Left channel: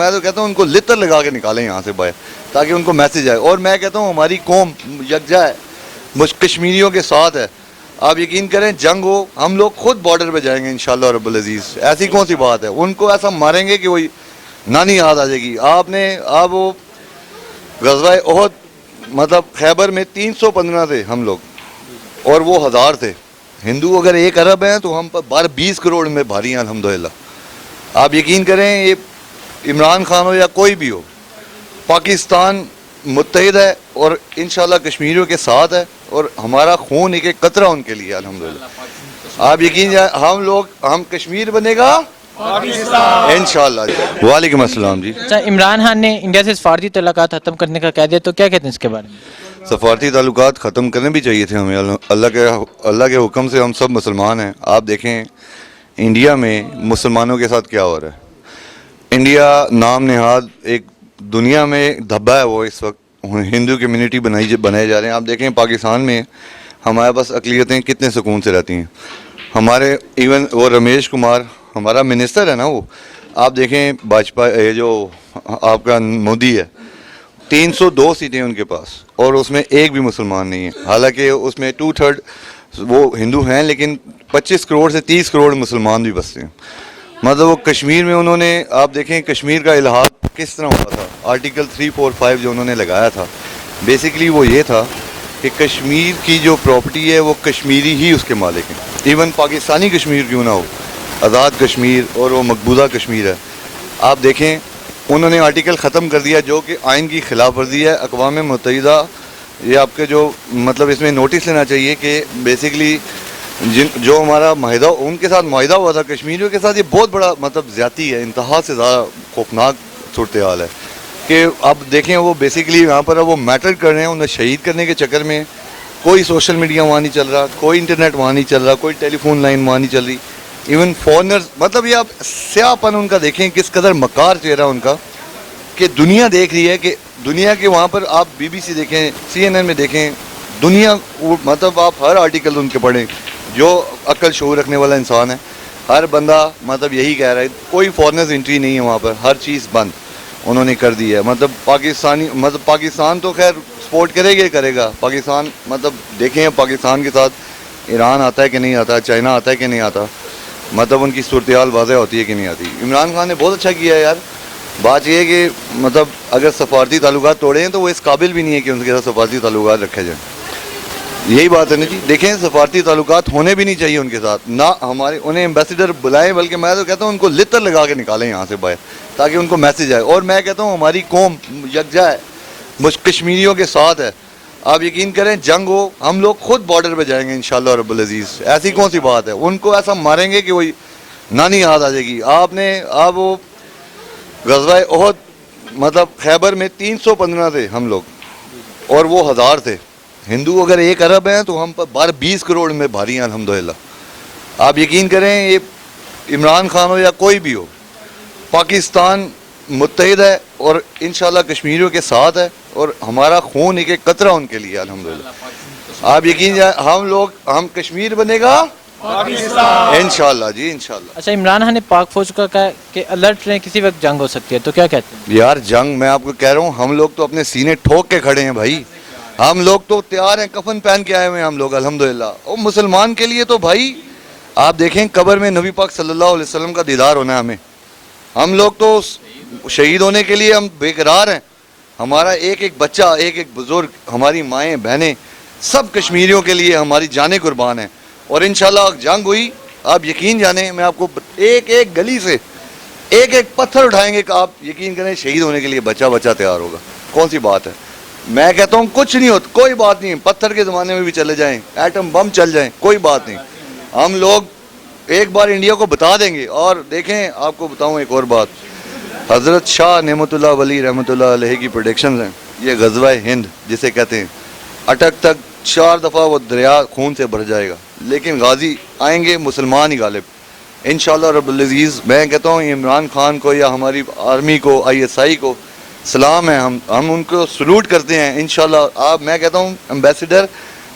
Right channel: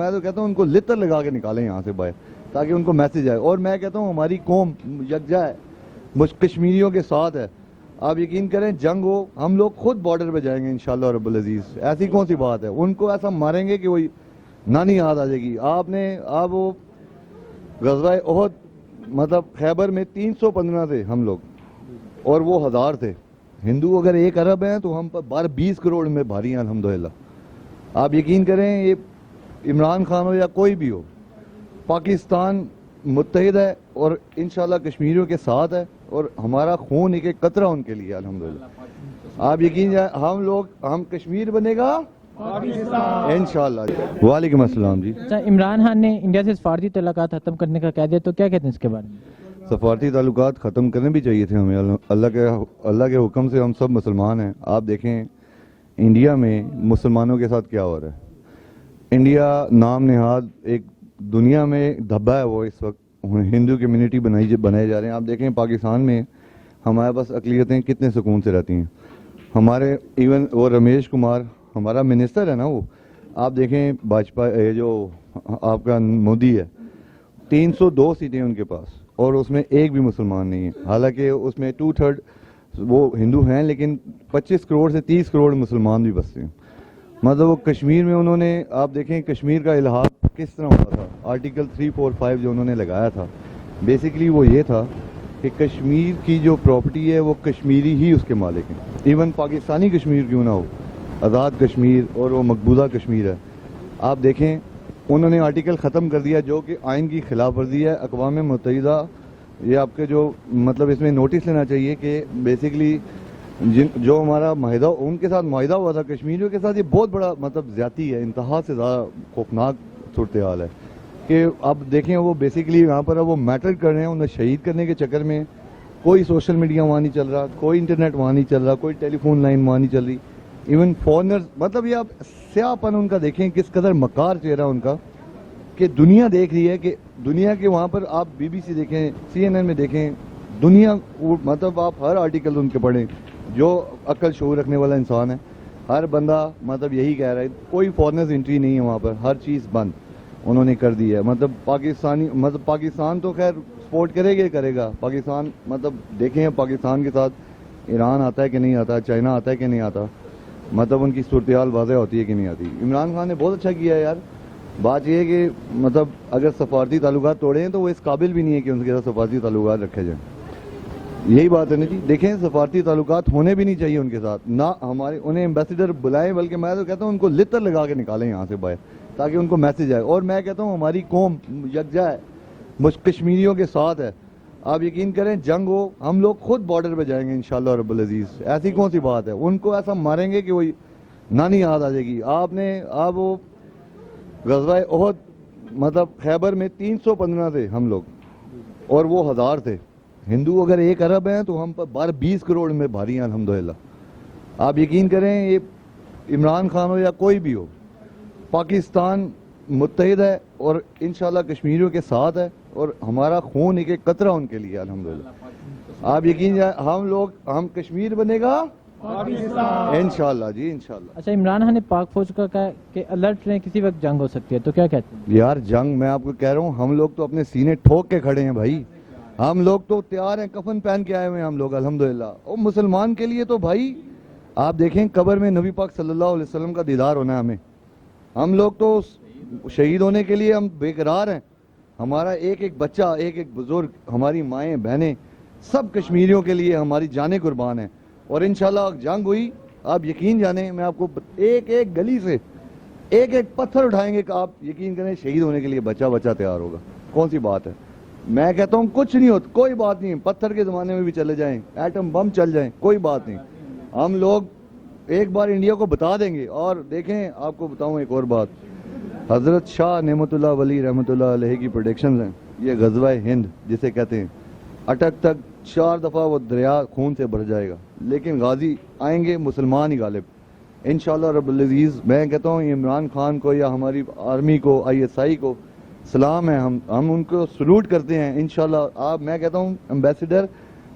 میں تو کہتا ہوں ان کو لتر لگا کے نکالیں یہاں سے باہر تاکہ ان کو میسج آئے. اور میں کہتا ہوں ہماری قوم یکجا ہے, کشمیریوں کے ساتھ ہے. آپ یقین کریں جنگ ہو ہم لوگ خود بارڈر پہ جائیں گے انشاءاللہ رب العزیز. ایسی کون سی بات ہے, ان کو ایسا ماریں گے کہ وہی نانی یاد آ جائے گی. آپ وہ غزوہ احد مطلب خیبر میں 315 تھے ہم لوگ اور وہ 1000 تھے. ہندو اگر 1 ارب ہیں تو ہم پر 20 کروڑ میں بھاری ہیں الحمدللہ. آپ یقین کریں یہ عمران خان ہو یا کوئی بھی ہو, پاکستان متحد ہے اور انشاءاللہ کشمیریوں کے ساتھ ہے اور ہمارا خون ایک ایک قطرہ ان کے لیے الحمدللہ. آپ یقین ہم کشمیر بنے گا انشاءاللہ. وعلیکم السلام جی. اچھا, عمران خان نے انڈیا سے سفارتی تعلقات ختم کرنے کا کہہ دیا, تو کیا کہتے ہیں اس کے بارے میں؟ سفارتی تعلقات ختم کرنے بھی چاہیے تھے ہمیں. اللہ کے حکم سے ہم سب مسلمان ہیں. آپ دیکھیں انڈیا میں مسلمانوں کے ساتھ کیا ہو رہا ہے. انڈیا نام نہاد ایک دنیا میں دھبا ہے, وہ اس وقت ہندو کمیونٹی بنائے جا رہے ہیں. آپ دیکھیں پاکستان میں ہمارے پاس اقلیتیں کتنے سکون سے رہتی ہیں. ہمارے ایون وہ رمیش کمار ہمارا منسٹر ہے نا, وہ آپ دیکھیں باجپئی یہ جو آپ کا مودی ہے 302 سیٹیں ان کے پاس اور اس میں ایک بھی مسلمان نہیں ہے. حالانکہ اس میں 2/3 وہ ہندو ہیں لیکن 25 کروڑ سے 30 کروڑ مسلمان بھی بستے ہیں. مطلب وہ کشمیر میں انہوں نے آپ دیکھیں کشمیر کا الحاق کس طرح ہوا تھا. آرٹیکل 345 جو انہوں نے لگایا تھا بیسیکلی وہ یہ تھا کہ کشمیر کی جو پراپرٹی ہے وہ کشمیری ہی اس کے مالک ہیں. ایون پاکستانی کشمیر کیوں نہ ہو, آزاد کشمیر اور وہ مقبوضہ کشمیر ہے. آپ دیکھیں انہوں نے آرٹیکل ختم کر دیا جو کہ آئین کی خلاف ورزی ہے. اقوام متحدہ یہ آپ کے جو مطلب اس میں نوٹس لینا چاہیے کہ بیسیکلی جو ہمارا معاہدہ ان کے ساتھ معاہدہ ہوا تھا کشمیریوں کے ساتھ, یہ بہت بڑا مطلب زیادتی ہے, انتہا سے زیادہ خوفناک صورتحال ہے. کہ اب دیکھیں وہ بیسیکلی یہاں پر وہ میٹر کر رہے ہیں, انہیں شہید کرنے کے چکر میں کوئی سوشل میڈیا وہاں نہیں چل رہا, کوئی انٹرنیٹ وہاں نہیں چل رہا, کوئی ٹیلی فون لائن وہاں نہیں چل رہی. ایون فارنرز مطلب یہ آپ سیاہ پن ان کا دیکھیں کس قدر مکار چہرہ ان کا, کہ دنیا دیکھ رہی ہے کہ دنیا کے وہاں پر آپ BBC دیکھیں, CNN میں دیکھیں, دنیا مطلب آپ ہر آرٹیکل ان کے پڑھیں. جو عقل شعور رکھنے والا انسان ہے ہر بندہ مطلب یہی کہہ رہا ہے کوئی فارنرز انٹری نہیں ہے وہاں پر, ہر چیز بند انہوں نے کر دی ہے. مطلب پاکستان تو خیر سپورٹ کرے گا. پاکستان مطلب دیکھیں پاکستان کے ساتھ ایران آتا ہے کہ نہیں آتا, چائنا آتا ہے کہ نہیں آتا, مطلب ان کی صورتحال واضح ہوتی ہے کہ نہیں آتی. عمران خان نے بہت اچھا کیا ہے یار. بات یہ ہے کہ مطلب اگر سفارتی تعلقات توڑے ہیں تو وہ اس قابل بھی نہیں ہے کہ ان کے ساتھ سفارتی تعلقات رکھے جائیں. یہی بات ہے نا جی. دیکھیں سفارتی تعلقات ہونے بھی نہیں چاہیے ان کے ساتھ, نہ ہمارے انہیں ایمبیسیڈر بلائیں, بلکہ میں تو کہتا ہوں ان کو لتر لگا کے نکالیں یہاں سے باہر تاکہ ان کو میسج آئے. اور میں کہتا ہوں ہماری قوم یکجا ہے, کشمیریوں کے ساتھ ہے. آپ یقین کریں جنگ ہو ہم لوگ خود بارڈر پہ جائیں گے انشاءاللہ رب العزیز. ایسی کون سی بات ہے, ان کو ایسا ماریں گے کہ وہی نانی یاد آ جائے گی. آپ وہ غزوہ احد مطلب خیبر میں 315 تھے ہم لوگ اور وہ 1000 تھے. ہندو اگر 1 ارب ہیں تو ہم پر 20 کروڑ میں بھاری ہیں الحمدللہ. آپ یقین کریں یہ عمران خان ہو یا کوئی بھی ہو, پاکستان متحد ہے اور انشاءاللہ کشمیریوں کے ساتھ ہے اور ہمارا خون ایک ایک قطرہ ان کے لیے الحمدللہ. آپ یقین ہم کشمیر بنے گا انشاءاللہ جی انشاءاللہ. اچھا, عمران خان نے پاک فوج کا کہا کہ الرٹ رہیں کسی وقت جنگ ہو سکتی ہے, تو کیا کہتے ہیں؟ یار جنگ میں آپ کو کہہ رہا ہوں ہم لوگ تو اپنے سینے ٹھوک کے کھڑے ہیں بھائی. ہم لوگ تو تیار ہیں, کفن پہن کے آئے ہوئے ہیں ہم لوگ الحمدللہ. اور مسلمان کے لیے تو بھائی آپ دیکھیں قبر میں نبی پاک صلی اللہ علیہ وسلم کا دیدار ہونا ہے ہمیں. ہم لوگ تو شہید ہونے کے لیے ہم بے قرار ہیں. ہمارا ایک ایک بچہ, ایک ایک بزرگ, ہماری مائیں بہنیں سب کشمیریوں کے لیے ہماری جانیں قربان ہیں. اور انشاءاللہ جنگ ہوئی آپ یقین جانیں میں آپ کو ایک ایک گلی سے ایک ایک پتھر اٹھائیں گے کہ آپ یقین کریں شہید ہونے کے لیے بچہ تیار ہوگا. کون سی بات ہے, میں کہتا ہوں کچھ نہیں ہوتا, کوئی بات نہیں. پتھر کے زمانے میں بھی چلے جائیں, ایٹم بم چل جائیں, کوئی بات نہیں. ہم لوگ ایک بار انڈیا کو بتا دیں گے. اور دیکھیں آپ کو بتاؤں ایک اور بات, حضرت شاہ نعمت اللہ ولی رحمۃ اللہ علیہ کی پریڈکشنز ہیں. یہ غزوہ ہند جسے کہتے ہیں, اٹک تک 4 دفعہ وہ دریا خون سے بھر جائے گا لیکن غازی آئیں گے مسلمان ہی غالب انشاءاللہ رب العزیز. میں کہتا ہوں عمران خان کو یا ہماری آرمی کو, ISI کو سلام ہے, ہم ان کو سلوٹ کرتے ہیں انشاءاللہ. آپ میں کہتا ہوں ایمبیسیڈر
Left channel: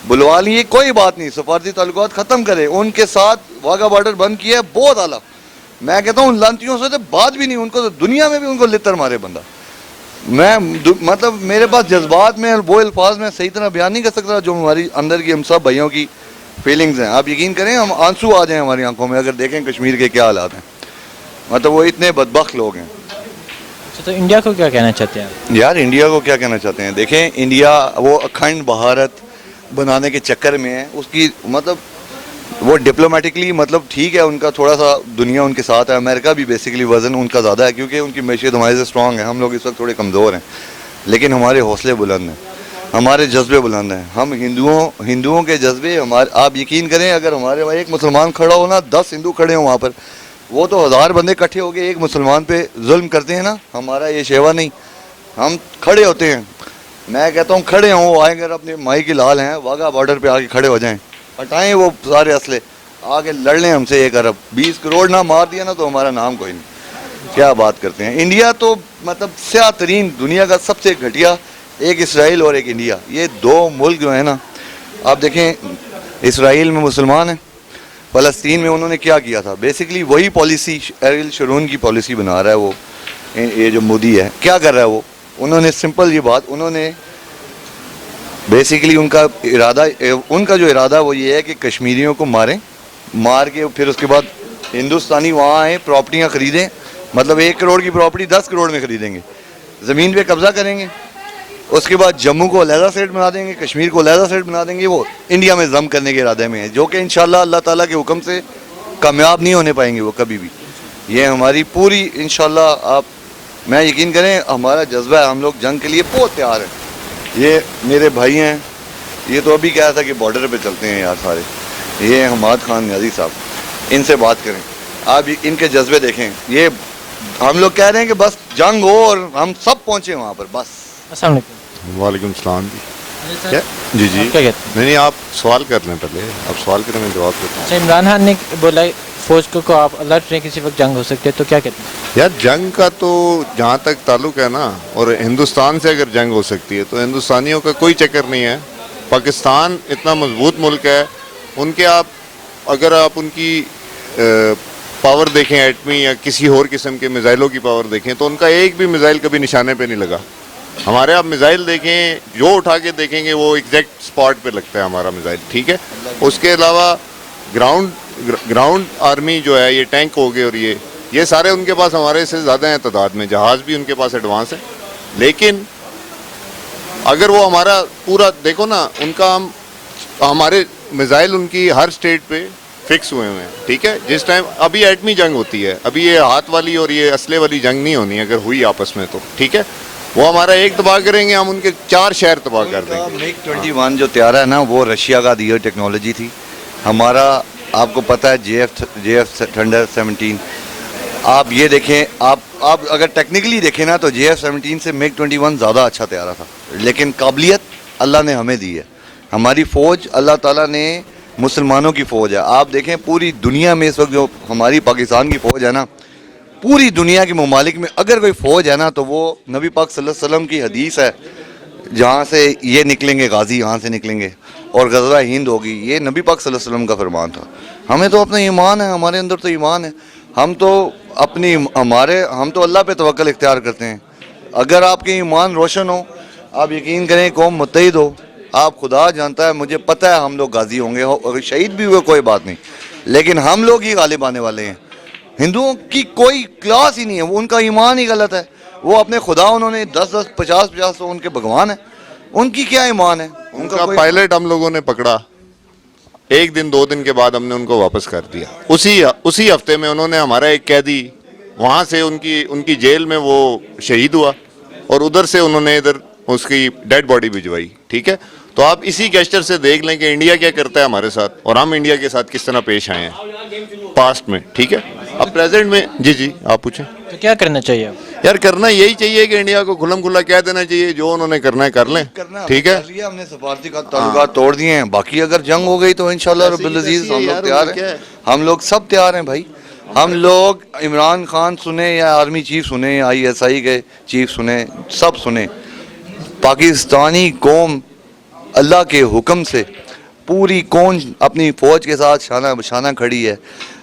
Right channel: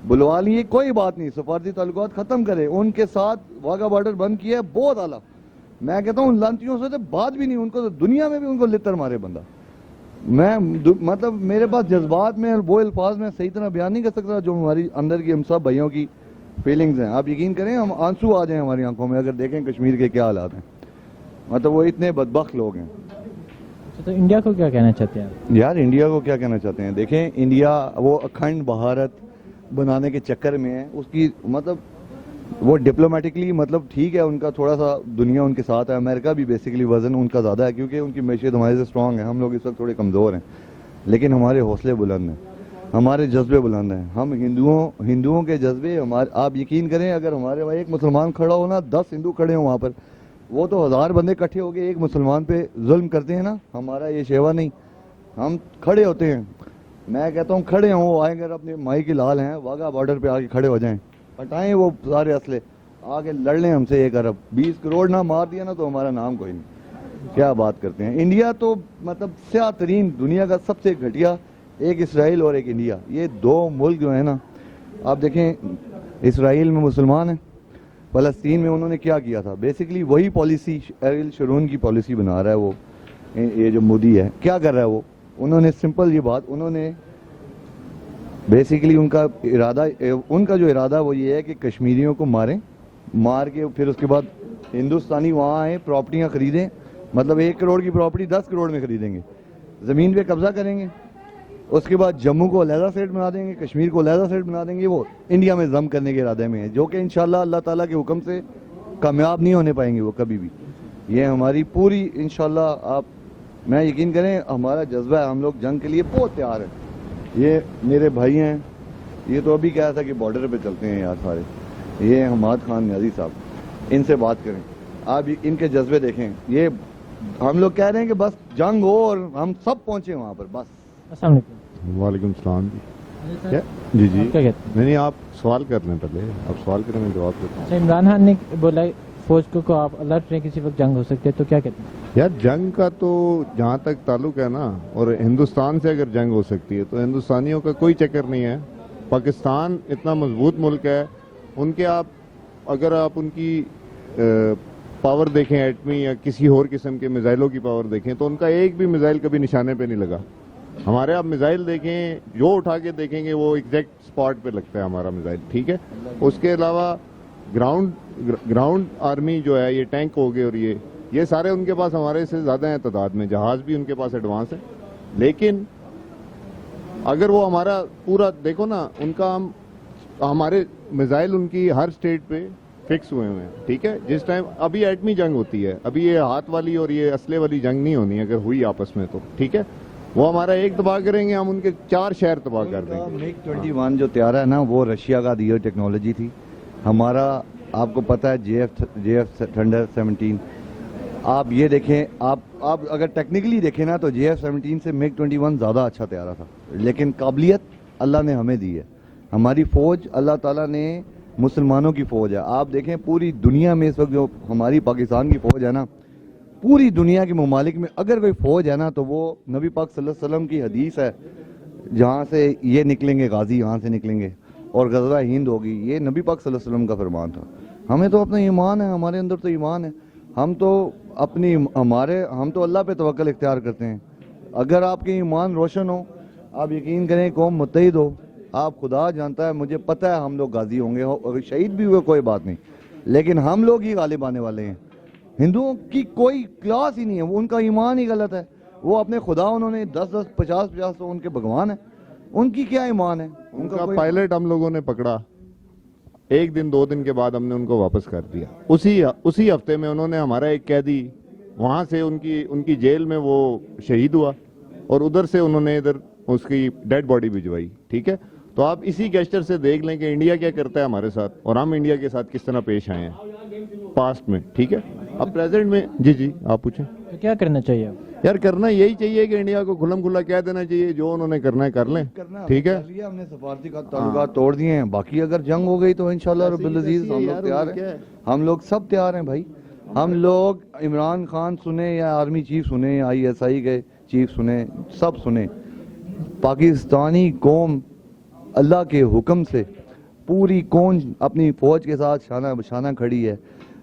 بلوا لیے, کوئی بات نہیں, سفارتی تعلقات ختم کرے, ان کے ساتھ واگا بارڈر بند کیا ہے, بہت اعلیٰ. میں کہتا ہوں لانتیوں سے تو بات بھی نہیں, ان کو تو دنیا میں بھی ان کو لتر مارے بندہ. میں مطلب میرے پاس جذبات میں وہ الفاظ میں صحیح طرح بیان نہیں کر سکتا جو ہماری اندر کی ہم سب بھائیوں کی فیلنگز ہیں. آپ یقین کریں ہم آنسو آ جائیں ہماری آنکھوں میں اگر دیکھیں کشمیر کے کیا حالات ہیں. مطلب وہ اتنے بدبخت لوگ ہیں. اچھا, تو انڈیا کو کیا کہنا چاہتے ہیں آپ؟ یار انڈیا کو کیا کہنا چاہتے ہیں, دیکھیں انڈیا وہ اکھنڈ بھارت بنانے کے چکر میں ہے. اس کی مطلب وہ ڈپلومیٹکلی مطلب ٹھیک ہے, ان کا تھوڑا سا دنیا ان کے ساتھ ہے. امریکہ بھی بیسیکلی وزن ان کا زیادہ ہے کیونکہ ان کی معیشت ہمارے سے اسٹرانگ ہے. ہم لوگ اس وقت تھوڑے کمزور ہیں لیکن ہمارے حوصلے بلند ہیں, ہمارے جذبے بلند ہیں. ہم ہندوؤں کے جذبے ہمارے, آپ یقین کریں اگر ہمارے وہاں ایک مسلمان کھڑا ہو نا 10 ہندو کھڑے ہوں وہاں پر, وہ تو 1000 بندے اکٹھے ہو کے ایک مسلمان پہ ظلم کرتے ہیں نا. ہمارا یہ شیوا نہیں, ہم کھڑے ہوتے ہیں. میں کہتا ہوں کھڑے ہوں, وہ آئیں اگر اپنے مائی کے لال ہیں واگا بارڈر پہ آ کے کھڑے ہو جائیں, ہٹائیں وہ سارے اسلحے, آگے لڑ لیں ہم سے 1 ارب 20 کروڑ نہ مار دیا نا تو ہمارا نام کوئی نہیں. کیا بات کرتے ہیں. انڈیا تو مطلب سیاہ ترین دنیا کا سب سے گھٹیا, ایک اسرائیل اور ایک انڈیا, یہ 2 ملک جو ہیں نا. آپ دیکھیں اسرائیل میں مسلمان ہیں, فلسطین میں انہوں نے کیا کیا تھا, بیسکلی وہی پالیسی ایریل شرون کی پالیسی بنا رہا ہے وہ, یہ جو مودی ہے کیا کر رہا ہے وہ. انہوں نے سمپل یہ بات, انہوں نے بیسکلی ان کا جو ارادہ وہ یہ ہے کہ کشمیریوں کو مار کے پھر اس کے بعد ہندوستانی وہاں آئیں پراپرٹیاں خریدیں. مطلب 1 کروڑ کی پراپرٹی 10 کروڑ میں خریدیں گے, زمین پہ قبضہ کریں گے. اس کے بعد جموں کو علیحدہ اسٹیٹ بنا دیں گے, کشمیر کو علیحدہ اسٹیٹ بنا دیں گے. وہ انڈیا میں ضم کرنے کے ارادے میں ہے جو کہ انشاءاللہ اللہ تعالیٰ کے حکم سے کامیاب نہیں ہونے پائیں گے وہ کبھی بھی. یہ ہماری پوری انشاءاللہ, آپ میں یقین کریں ہمارا جذبہ ہے, ہم لوگ جنگ کے لیے بہت تیار ہیں. یہ میرے بھائی ہیں, یہ تو ابھی کہا تھا کہ بارڈر پہ چلتے ہیں یار سارے, یہ حماد خان نیازی صاحب, ان سے بات کریں. آپ ان کے جذبے دیکھیں. یہ ہم لوگ کہہ رہے ہیں کہ بس جنگ ہو اور ہم سب پہنچے وہاں پر بس. السلام علیکم. وعلیکم السلام جی. جی جی کیا کہتے ہیں؟ نہیں آپ سوال کر لیں, پہلے آپ سوال کریں میں جواب دیتا ہوں. اچھا, عمران خان نے بولا فوج کو آپ الرٹ رہیں کسی وقت جنگ ہو سکتی ہے, تو کیا کہتے ہیں؟ یار جنگ کا تو جہاں تک تعلق ہے نا, اور ہندوستان سے اگر جنگ ہو سکتی ہے تو ہندوستانیوں کا کوئی چکر نہیں ہے. پاکستان اتنا مضبوط ملک ہے, ان کے اگر آپ ان کی پاور دیکھیں ایٹمی یا کسی اور قسم کے میزائلوں کی پاور دیکھیں تو ان کا ایک بھی میزائل کبھی نشانے پہ نہیں لگا. ہمارے آپ میزائل دیکھیں, جو اٹھا کے دیکھیں گے وہ ایگزیکٹ سپاٹ پہ لگتا ہے ہمارا میزائل, ٹھیک ہے. اس کے علاوہ گراؤنڈ آرمی جو ہے, یہ ٹینک ہو گئے اور یہ سارے ان کے پاس ہمارے سے زیادہ ہیں تعداد میں, جہاز بھی ان کے پاس ایڈوانس ہے. لیکن اگر وہ ہمارا پورا دیکھو نا, ان کا ہمارے میزائل ان کی ہر اسٹیٹ پہ فکس ہوئے ہیں, ٹھیک ہے. جس ٹائم ابھی ایٹمی جنگ ہوتی ہے, ابھی یہ ہاتھ والی اور یہ اسلحے والی جنگ نہیں ہونی, اگر ہوئی آپس میں تو ٹھیک ہے. وہ ہمارا ایک تباہ کریں گے, ہم ان کے 4 شہر تباہ کر دیں گے. MiG 21 جو طیارہ ہے نا وہ رشیا کا دیگر ٹیکنالوجی تھی. ہمارا آپ کو پتہ ہے جے ایف تھنڈر 17, آپ یہ دیکھیں, آپ اگر ٹیکنیکلی دیکھیں نا تو جے ایف 17 سے MiG 21 زیادہ اچھا طیارہ تھا. لیکن قابلیت اللہ نے ہمیں دی ہے. ہماری فوج اللہ تعالیٰ نے مسلمانوں کی فوج ہے. آپ دیکھیں پوری دنیا میں اس وقت جو ہماری پاکستان کی فوج ہے نا, پوری دنیا کے ممالک میں اگر کوئی فوج ہے نا تو وہ نبی پاک صلی اللہ علیہ وسلم کی حدیث ہے, جہاں سے یہ نکلیں گے غازی یہاں سے نکلیں گے, اور غزوہ ہند ہوگی, یہ نبی پاک صلی اللہ علیہ وسلم کا فرمان تھا. ہمیں تو اپنا ایمان ہے, ہمارے اندر تو ایمان ہے. ہم تو اللہ پہ توکل اختیار کرتے ہیں. اگر آپ کے ایمان روشن ہو, آپ یقین کریں قوم متحد ہو, آپ خدا جانتا ہے, مجھے پتہ ہے ہم لوگ غازی ہوں گے, اگر شہید بھی ہوئے کوئی بات نہیں, لیکن ہم لوگ ہی غالب آنے والے ہیں. ہندوؤں کی کوئی کلاس ہی نہیں ہے, وہ ان کا ایمان ہی غلط ہے. وہ اپنے خدا انہوں نے 10 50 ان کے بھگوان ہیں, ان کی کیا ایمان ہے. ان کا پائلٹ ہم لوگوں نے پکڑا, 1 دن 2 دن کے بعد ہم نے ان کو واپس کر دیا. اسی ہفتے میں انہوں نے ہمارا ایک قیدی وہاں سے ان کی جیل میں وہ شہید ہوا, اور ادھر سے انہوں نے ادھر اس کی ڈیڈ باڈی بھجوائی, ٹھیک ہے. تو آپ اسی گیسچر سے دیکھ لیں کہ انڈیا کیا کرتا ہے ہمارے ساتھ, اور ہم انڈیا کے ساتھ کس طرح پیش آئے ہیں پاسٹ میں, ٹھیک ہے. اب پریزنٹ میں جی آپ پوچھیں. تو کیا کرنا چاہیے یار کرنا یہی چاہیے کہ انڈیا کو کھلم کھلا کہہ دینا چاہیے, جو انہوں نے کرنا ہے کر لیں, ٹھیک ہے. ہم نے سفارتی تعلقات توڑ دیے ہیں, باقی اگر جنگ ہو گئی تو انشاءاللہ رب العزیز ہم لوگ تیار ہیں. ہم لوگ سب تیار ہیں بھائی. ہم لوگ عمران خان سنیں یا آرمی چیف سنیں, ISI کے چیف سنیں, سب سنیں, پاکستانی قوم اللہ کے حکم سے پوری قوم اپنی فوج کے ساتھ شانہ بشانہ کھڑی ہے.